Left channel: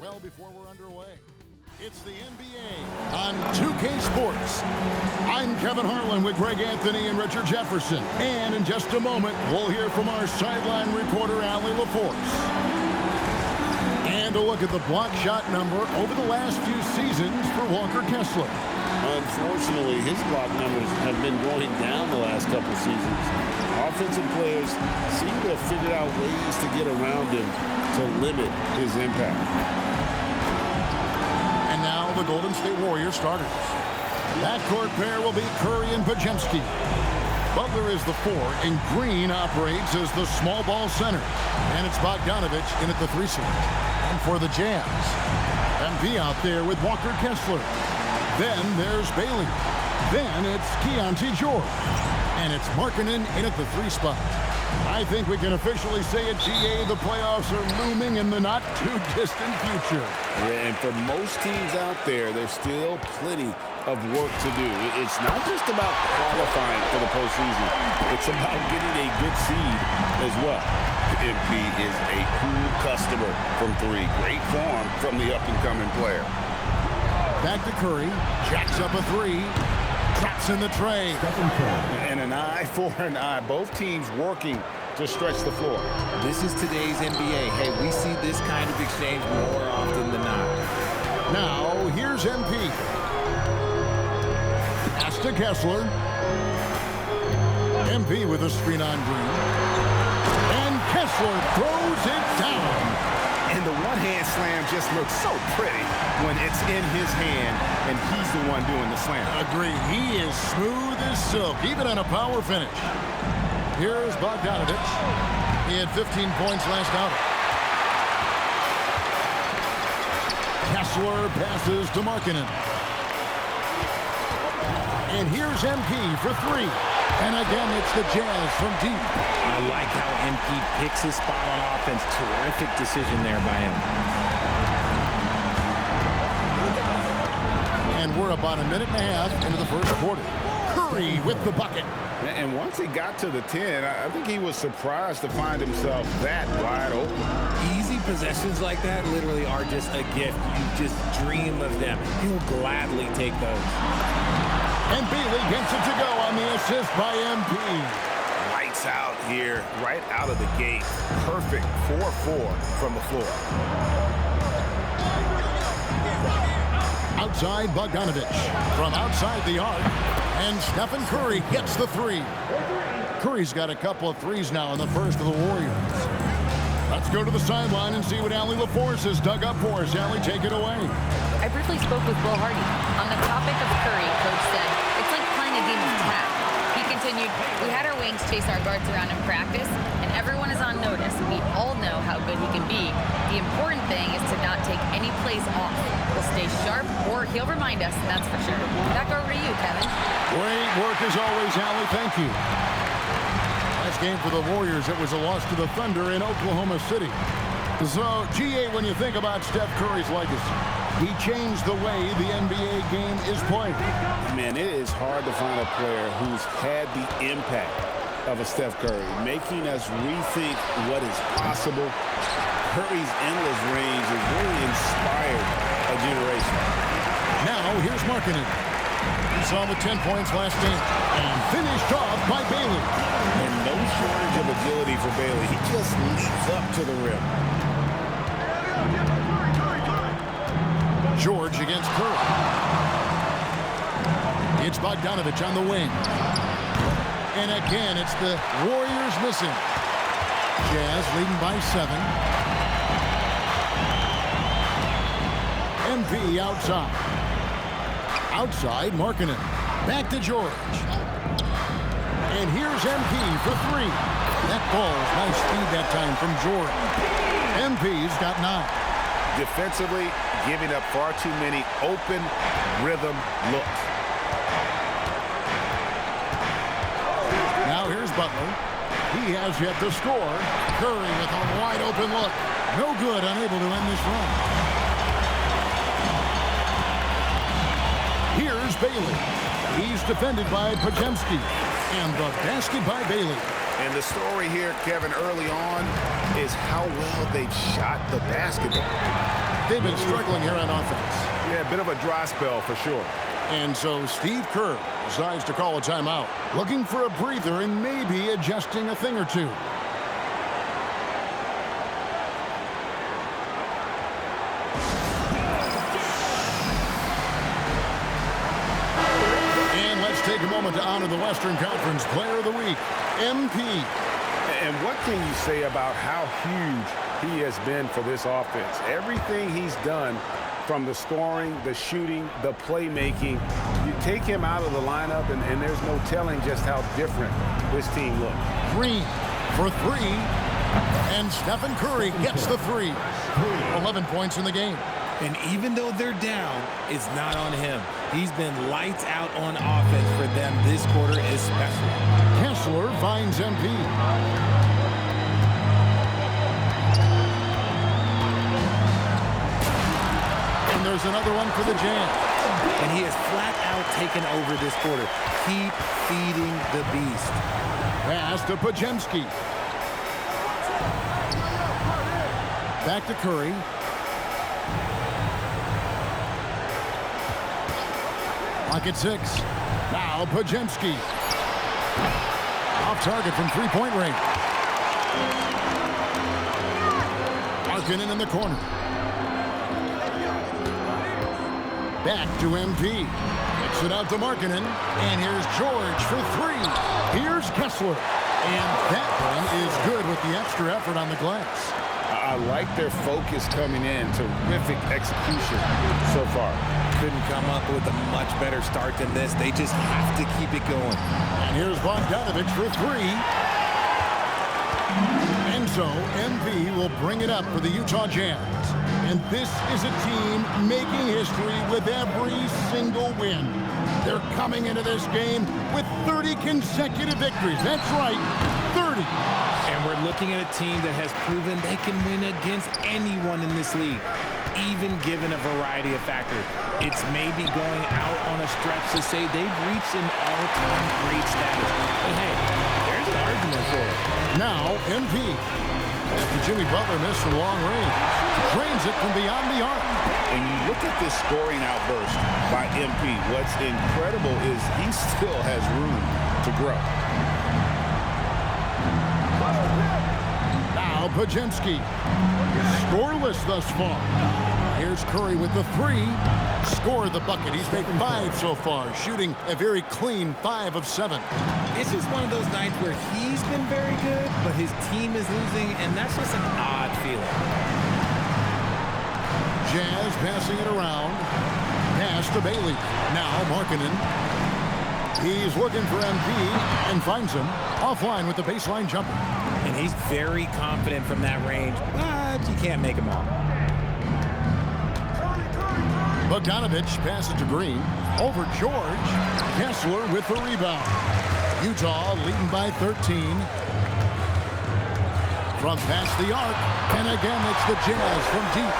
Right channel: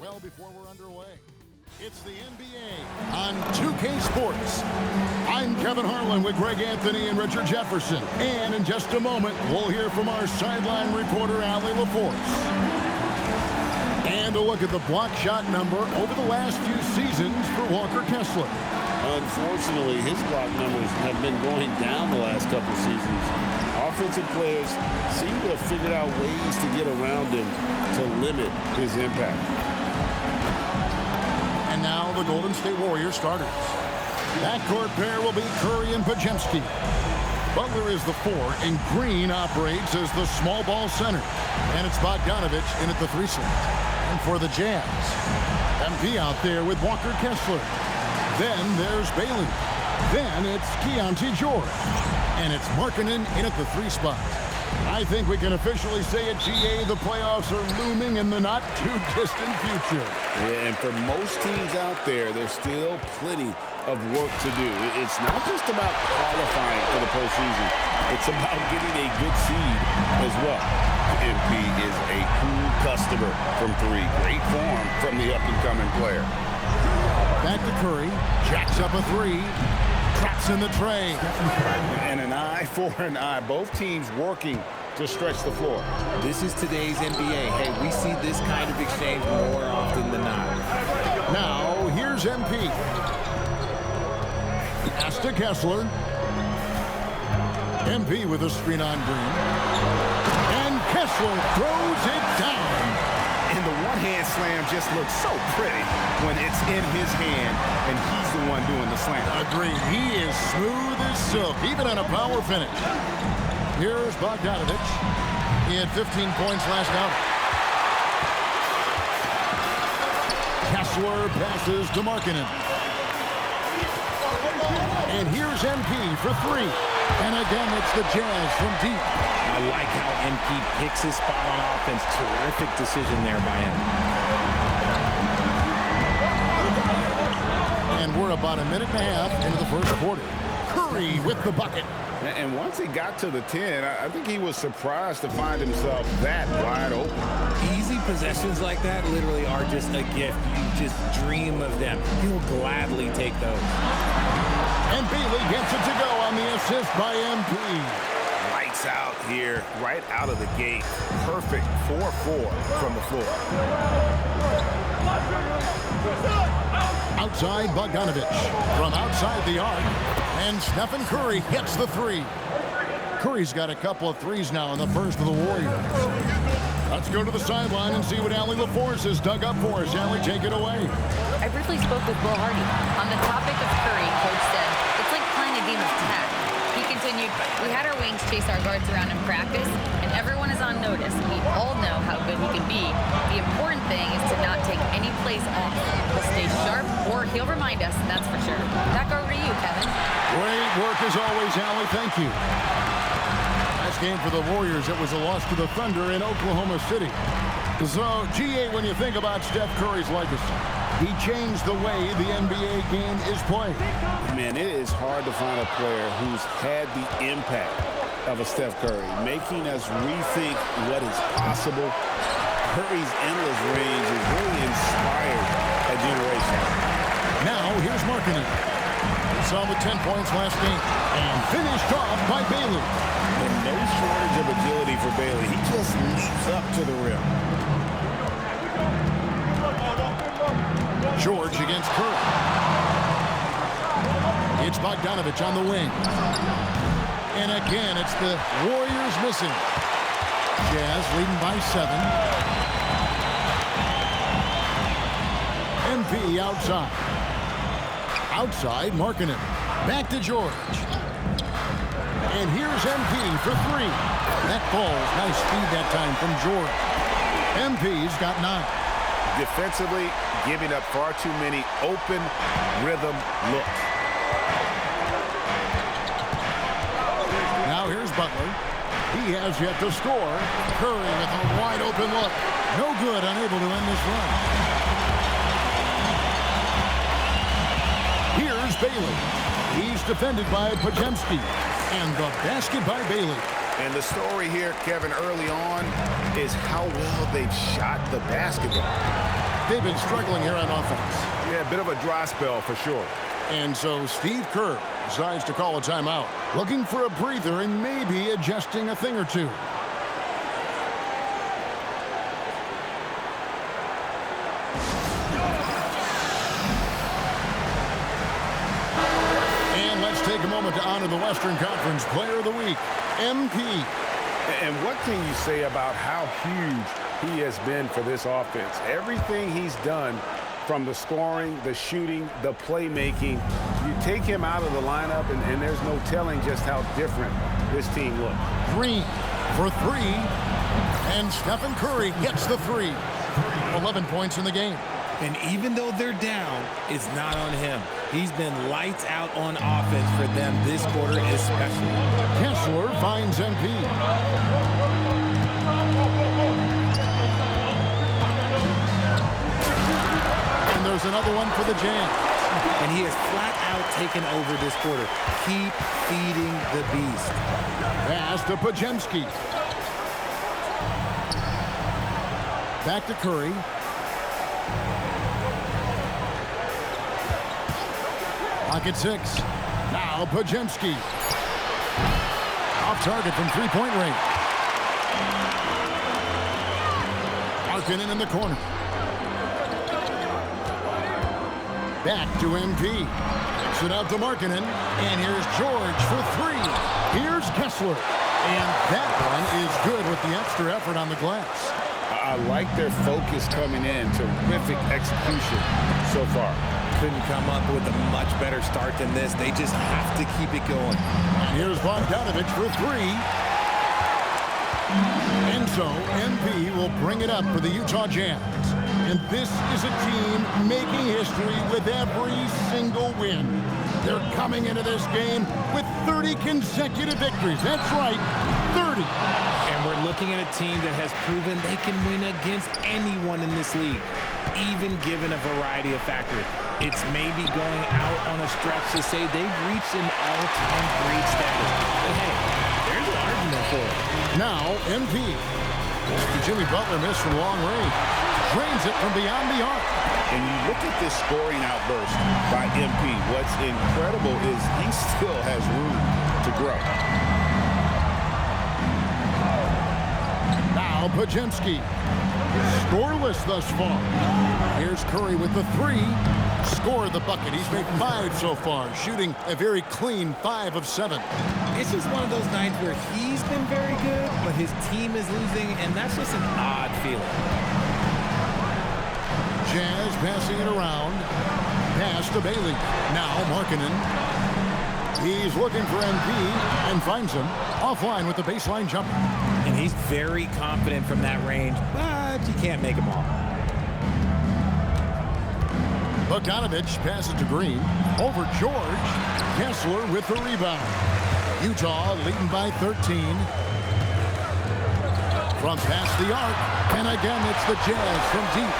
Well, before we're underway, it's the NBA on 2K Sports. I'm Kevin Harlan with Greg Anthony and Richard Jefferson. And in just a moment, we'll hear from our sideline reporter, Allie LaForce. And a look at the block shot number over the last few seasons for Walker Kessler. Unfortunately, his block numbers have been going down the last couple seasons. Offensive players seem to have figured out ways to get around him to limit his impact. And now the Golden State Warriors starters. Backcourt pair will be Curry and Podziemski. Butler is the 4, and Green operates as the small ball center. And it's Bogdanovich in at the 3 slot. And for the Jazz, MP out there with Walker Kessler. Then there's Bailey. Then it's Keontae George. And it's Markkanen in at the 3 spot. I think we can officially say at GA the playoffs are looming in the not-too-distant future. Yeah, and for most teams out there, there's still plenty of work to do. It's not just about qualifying for the postseason. It's about getting a good seed as well. MP is a cool customer from 3. Great form from the up-and-coming player. Back to Curry. Jacks up a 3. Traps in the tray. And an eye for an eye. Both teams working to stretch the floor. This is today's NBA. Hey, we see this kind of exchange more often than not. Now, here's MP. Pass to Kessler. MP with a screen on Green. And Kessler throws it down. And the one-hand slam just looks so pretty when it's in his hand and he's the one doing the slam. Agreed. He is smooth as silk, even on a power finish. Here's Bogdanovich. He had 15 points last outing. Kessler passes to Markkanen. And here's MP for 3. And again, it's the Jazz from deep. I like how MP picks his spot on offense. Terrific decision there by him. And we're about a minute and a half into the first quarter. Curry with the bucket. And once he got to the 10, I think he was surprised to find himself that wide open. Easy possessions like that literally are just a gift. You just dream of them. He'll gladly take those. And Bailey gets it to go on the assist by MP. Lights out here, right out of the gate. Perfect 4-4 from the floor. Outside Bogdanovich from outside the arc. And Stephen Curry hits the 3. Curry's got a couple of 3s now in the first of the Warriors. Let's go to the sideline and see what Allie LaForce has dug up for us. Allie, take it away. I briefly spoke with Will Hardy. On the topic of Curry, Coach said, it's like playing a game of tag. He continued, we had our wings chase our guards around in practice, and everyone is on notice. We all know how good he can be. The important thing is to not take any plays off. He'll stay sharp, or he'll remind us, that's for sure. Back over to you, Kevin. Great work as always, Allie. Thank you. Last game for the Warriors, it was a loss to the Thunder in Oklahoma City. So, GA, when you think about Steph Curry's legacy, he changed the way the NBA game is played. Man, it is hard to find a player who's had the impact of a Steph Curry, making us rethink what is possible. Curry's endless range has really inspired a generation. Now, here's Markkanen. We saw him with 10 points last game and finished off by Bailey. And no shortage of agility for Bailey. He just leaps up to the rim. George against Curry. It's Bogdanovich on the wing. And again, it's the Warriors missing. Jazz leading by 7. MP outside. Outside, Markkanen. Back to George. And here's MP for 3. That falls. Nice speed that time from George. MP's got 9. Defensively, giving up far too many open rhythm looks. Now here's Butler. He has yet to score. Curry with a wide open look. No good, unable to end this run. Here's Bailey. He's defended by Podziemski. And the basket by Bailey. And the story here, Kevin, early on is how well they've shot the basketball. they've been struggling here on offense. Yeah, a bit of a dry spell for sure. And so Steve Kerr decides to call a timeout, looking for a breather and maybe adjusting a thing or two. And let's take a moment to honor the Western Conference Player of the Week, MP. And what can you say about how huge he has been for this offense? Everything he's done, from the scoring, the shooting, the playmaking, you take him out of the lineup, and there's no telling just how different this team looks. Green for three, and Stephen Curry gets the three. 11 points in the game. And even though they're down, it's not on him. He's been lights out on offense for them this quarter especially. Kessler finds MP. And there's another one for the Jazz. And he has flat out taken over this quarter. Keep feeding the beast. Pass to Pajemski. Back to Curry. Pocket 6. Now Pajemski. Off target from three-point range. Markkanen in the corner. Back to MP. Kicks it out to Markkanen. And here's George for three. Here's Kessler. And that one is good with the extra effort on the glass. I like their focus coming in. Terrific execution so far. Couldn't come up with a much better start than this. They just have to keep it going. And here's Bogdanovich for three. And so MP will bring it up for the Utah Jazz. And this is a team making history with every single win. They're coming into this game with 30 consecutive victories. That's right, 30. And we're looking at a team that has proven they can win against anyone in this league, even given a variety of factors. It's maybe going out on a stretch to say they've reached an all-time great status. But hey, there's an argument for it. Now, MP. After Jimmy Butler missed from long range, drains it from beyond the arc. And you look at this scoring outburst by MP. What's incredible is he still has room to grow. Now Pajemski. Scoreless thus far. Here's Curry with the three. Score the bucket. He's made 5 so far, shooting a very clean 5 of 7. It's just one of those nights where he's been very good, but his team is losing, and that's just an odd feeling. Jazz passing it around. Pass to Bailey. Now Markkanen. He's looking for MP and finds him offline with the baseline jumper. And he's very confident from that range, but you can't make him all. Bogdanovich passes to Green. Over George. Kessler with the rebound. Utah leading by 13. From past the arc. And again, it's the Jazz from deep.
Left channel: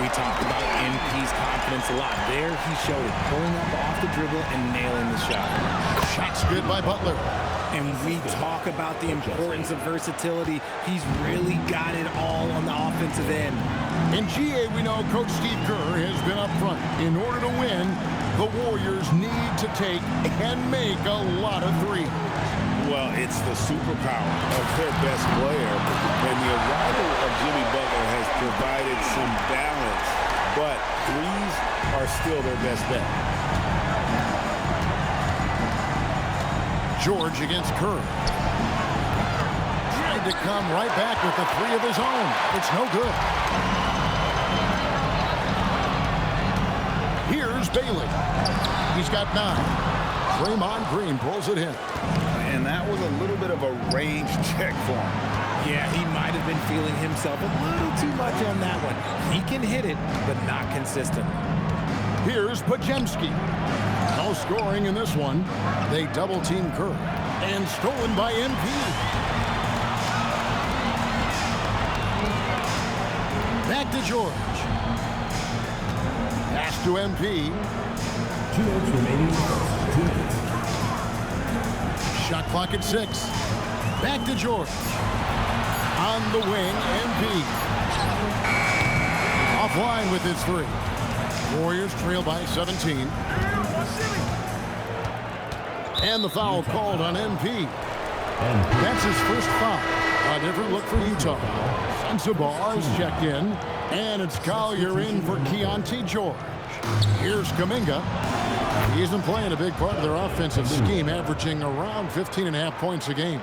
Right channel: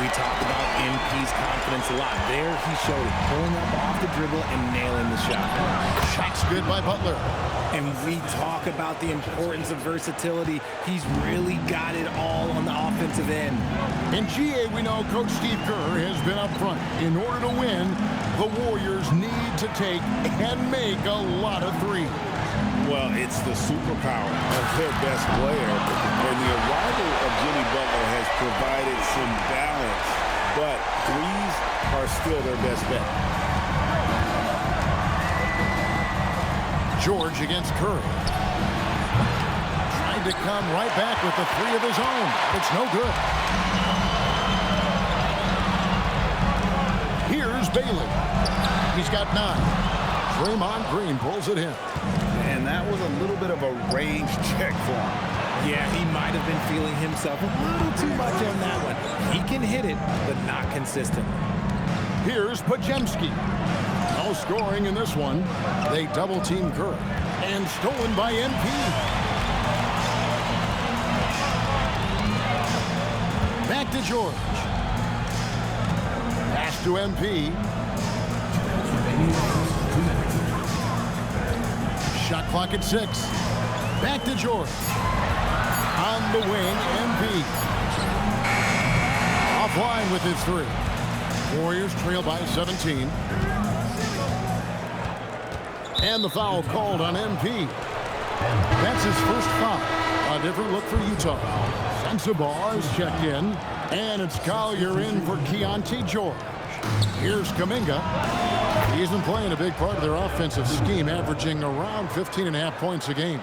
We talked about MP's confidence a lot. There he showed it, pulling up off the dribble and nailing the shot. Shot's good by Butler. And we talk about the importance of versatility. He's really got it all on the offensive end. In GA, we know Coach Steve Kerr has been up front. In order to win, the Warriors need to take and make a lot of threes. Well, it's the superpower of their best player. And the arrival of Jimmy Butler has provided some balance. But threes are still their best bet. George against Curry. Trying to come right back with the three of his own. It's no good. Here's Bailey. He's got 9. Draymond Green pulls it in. And that was a little bit of a range check for him. Yeah, he might have been feeling himself a little too much on that one. He can hit it, but not consistent. Here's Pajemski. No scoring in this one. They double-team Kerr. And stolen by MP. Back to George. Pass to MP. Shot clock at 6. Back to George. On the wing, MP. Offline with his three. Warriors trail by 17. And the foul called on MP. That's his first foul. A different look for Utah. Sensabaugh is checked in. And it's Collier in for Keontae George. Here's Kuminga. He isn't playing a big part of their offensive scheme, averaging around 15.5 points a game.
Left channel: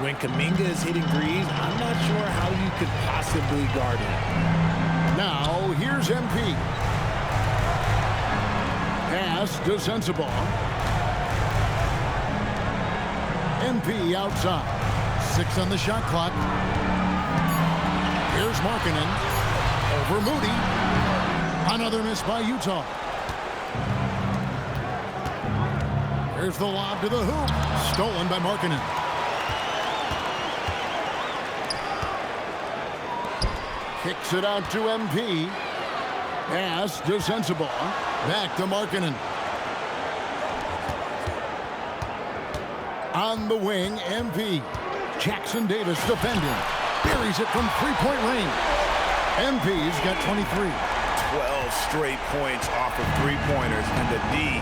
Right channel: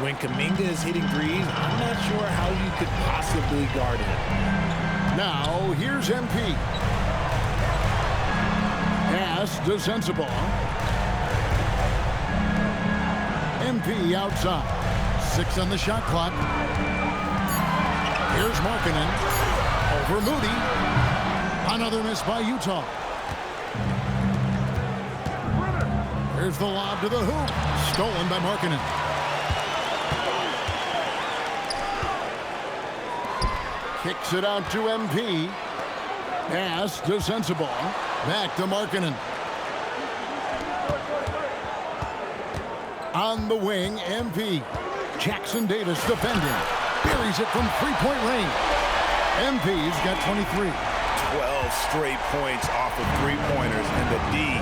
When Kuminga is hitting threes, I'm not sure how you could possibly guard him. Now, here's MP. Pass to Sensabaugh. MP outside. 6 on the shot clock. Here's Markkanen. Over Moody. Another miss by Utah. Here's the lob to the hoop. Stolen by Markkanen. Kicks it out to MP. Pass to Sensabaugh. Back to Markkanen. On the wing, MP. Jackson Davis defending. Buries it from three-point range. MP's got 23. 12 straight points off of three-pointers, and the D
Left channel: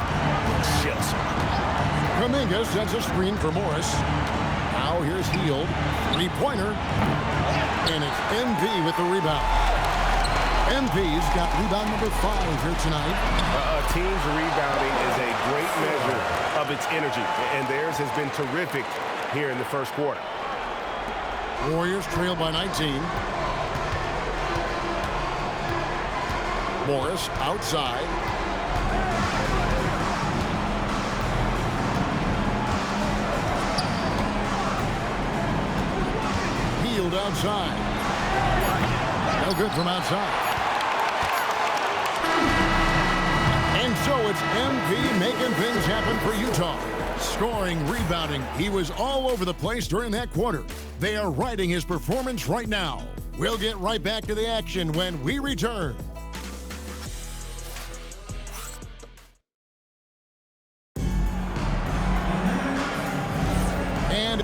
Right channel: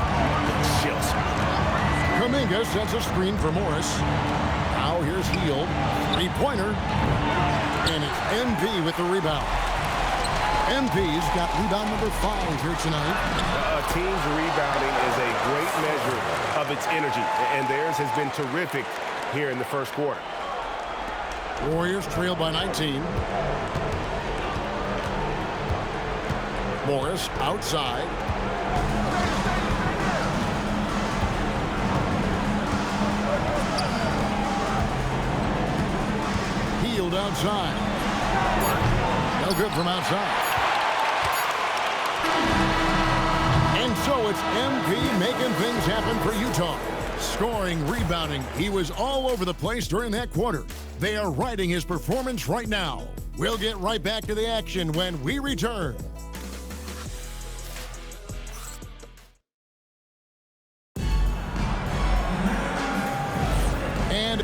looks chill-smooth. Kuminga sets a screen for Morris. Now here's Hield. Three-pointer. And it's MP with the rebound. MP's got rebound number 5 here tonight. A team's rebounding is a great measure of its energy, and theirs has been terrific here in the first quarter. Warriors trail by 19. Morris outside. Hield outside. No good from outside. And so it's MP making things happen for Utah. Scoring, rebounding. He was all over the place during that quarter. They are riding his performance right now. We'll get right back to the action when we return. And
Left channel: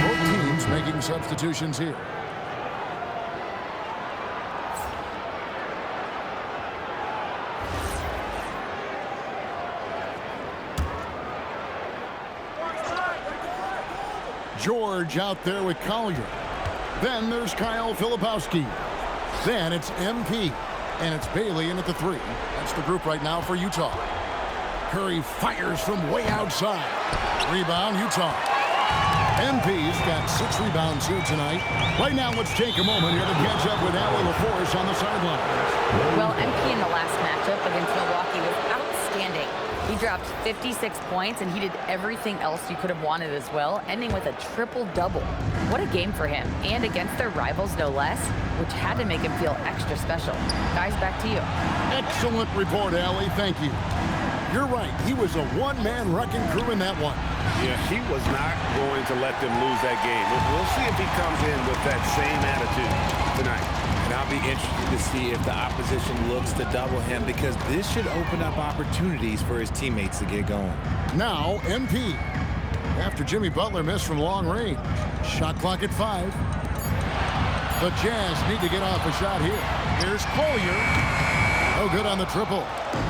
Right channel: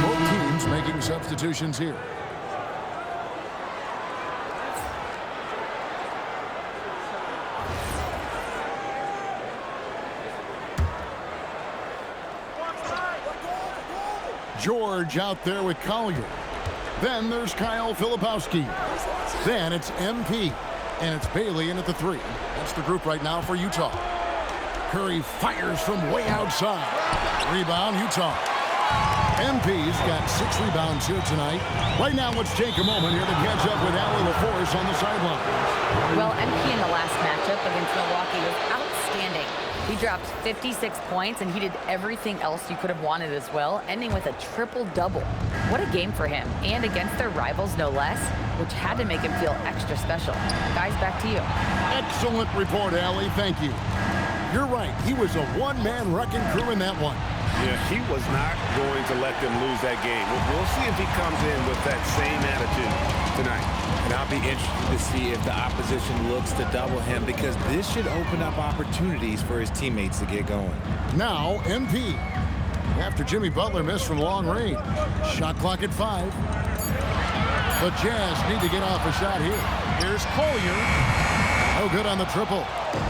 both teams making substitutions here. George out there with Collier. Then there's Kyle Filipowski. Then it's MP. And it's Bailey in at the 3. That's the group right now for Utah. Curry fires from way outside. Rebound, Utah. MP's got 6 rebounds here tonight. Right now, let's take a moment here to catch up with Allie LaForce on the sidelines. Well, MP in the last matchup against Milwaukee was outstanding. He dropped 56 points, and he did everything else you could have wanted as well, ending with a triple-double. What a game for him, and against their rivals, no less, which had to make him feel extra special. Guys, back to you. Excellent report, Allie. Thank you. You're right. He was a one-man wrecking crew in that one. Yeah, he was not going to let them lose that game. We'll see if he comes in with that same attitude tonight. And I'll be interested to see if the opposition looks to double him, because this should open up opportunities for his teammates to get going. Now, MP. After Jimmy Butler missed from long range. Shot clock at 5. The Jazz need to get off a shot here. Here's Collier. No good on the triple.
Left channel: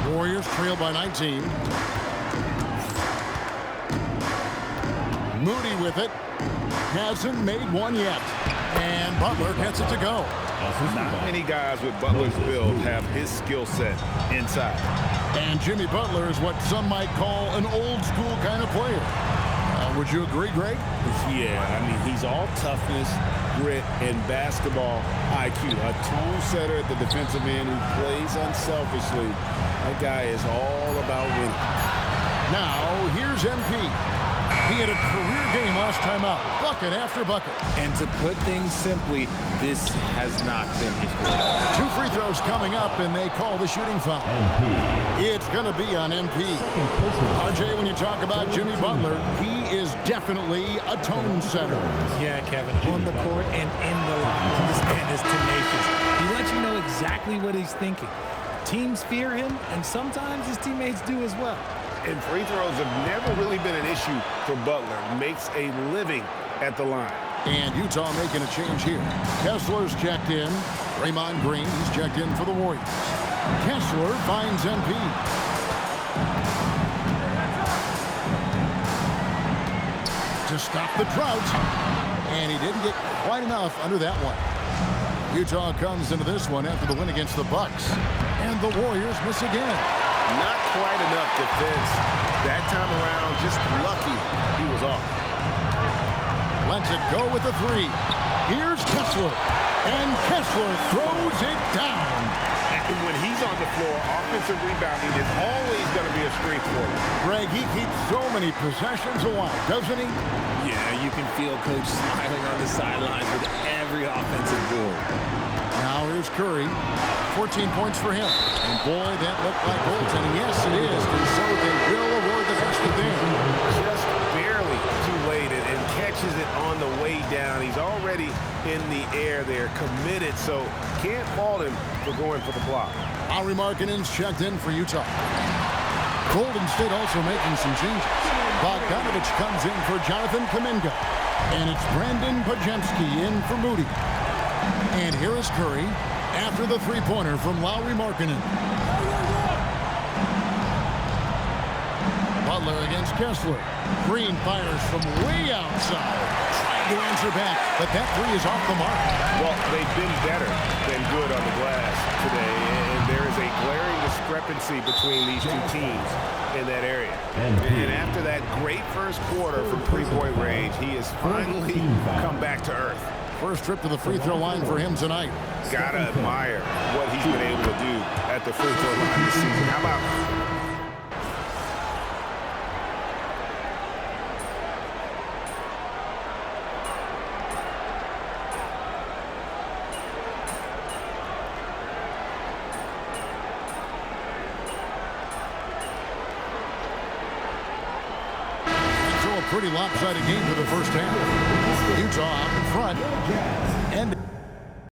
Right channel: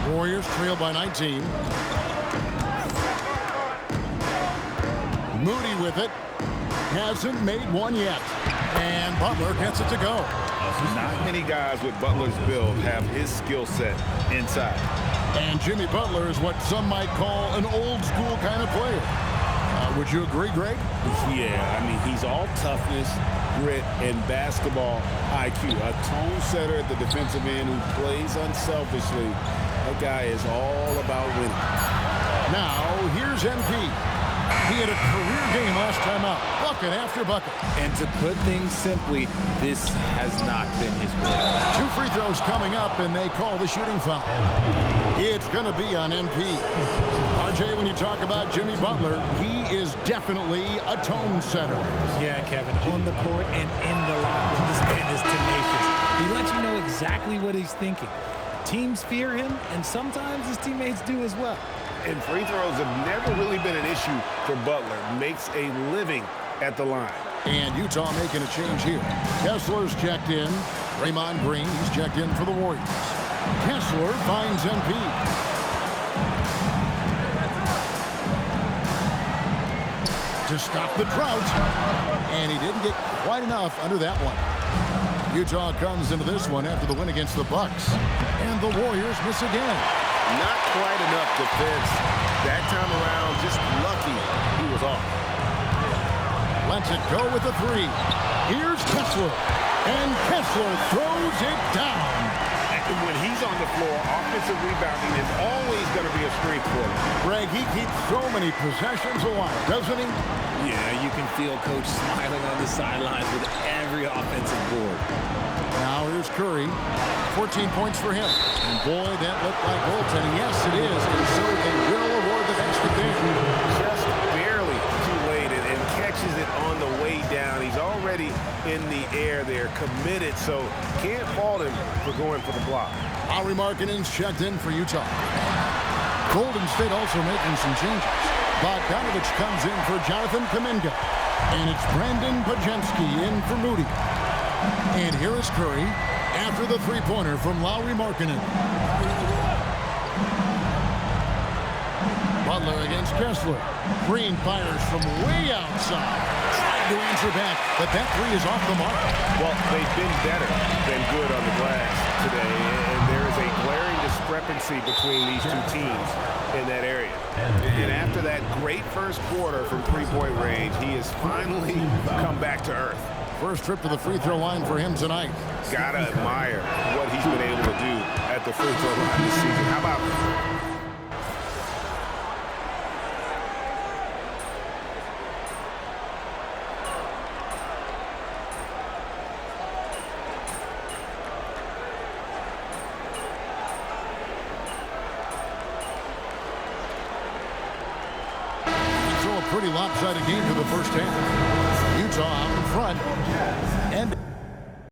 Warriors trail by 19. Moody with it. Hasn't made one yet. And Butler gets it to go. Not many guys with Butler's build have his skill set inside. And Jimmy Butler is what some might call an old school kind of player. Would you agree, Greg? Yeah, I mean, he's all toughness, grit, and basketball IQ. A tone setter at the defensive end who plays unselfishly. That guy is all about winning. Now, here's MP. He had a career game last time out, bucket after bucket. And to put things simply, this has not been his quarterback. 2 free throws coming up, and they call the shooting foul. It's going to be on MP. RJ, when you talk about Jimmy Butler, he is definitely a tone setter. Yeah, Kevin, on the court and in the locker room, this man is tenacious. He lets you know exactly what he's thinking. Teams fear him, and sometimes his teammates do as well. And free throws have never really been an issue for Butler. Makes a living at the line. And Utah making a change here. Kessler's checked in. Draymond Green, he's checked in for the Warriors. Kessler finds MP. To stop the drought. And he didn't get quite enough under that one. Utah comes into this one after the win against the Bucks. And the Warriors miss again. Not quite enough defense. That time around, just lucky he was off. Lets it go with the 3. Here's Kessler. And Kessler throws it down. When he's on the floor, offensive rebounding is always going to be a strength for him. Greg, he keeps so many possessions alive, doesn't he? Yeah, you can feel Coach smiling on the sidelines with every offensive board. Now here's Curry. 14 points for him. And boy, that looked like goaltending. Yes, it is. And so they will award the basket there. Just barely too late and catches it on the way down. He's already in the air there, committed, so can't fault him for going for the block. Lauri Markkanen's checked in for Utah. Golden State also making some changes. Bogdanovich comes in for Jonathan Kuminga. And it's Brandon Podziemski in for Moody. And here is Curry after the three-pointer from Lauri Markkanen. Butler against Kessler. Green fires from way outside. Trying to answer back, but that 3 is off the mark. Well, they've been better than good on the glass today, and there is a glaring discrepancy between these two teams in that area. And after that great first quarter from three-point range, he has finally come back to earth. First trip to the free throw line for him tonight. Gotta admire what he's been able to do at the free throw line this season. How about... So a pretty lopsided game for the first half. Utah out in front. End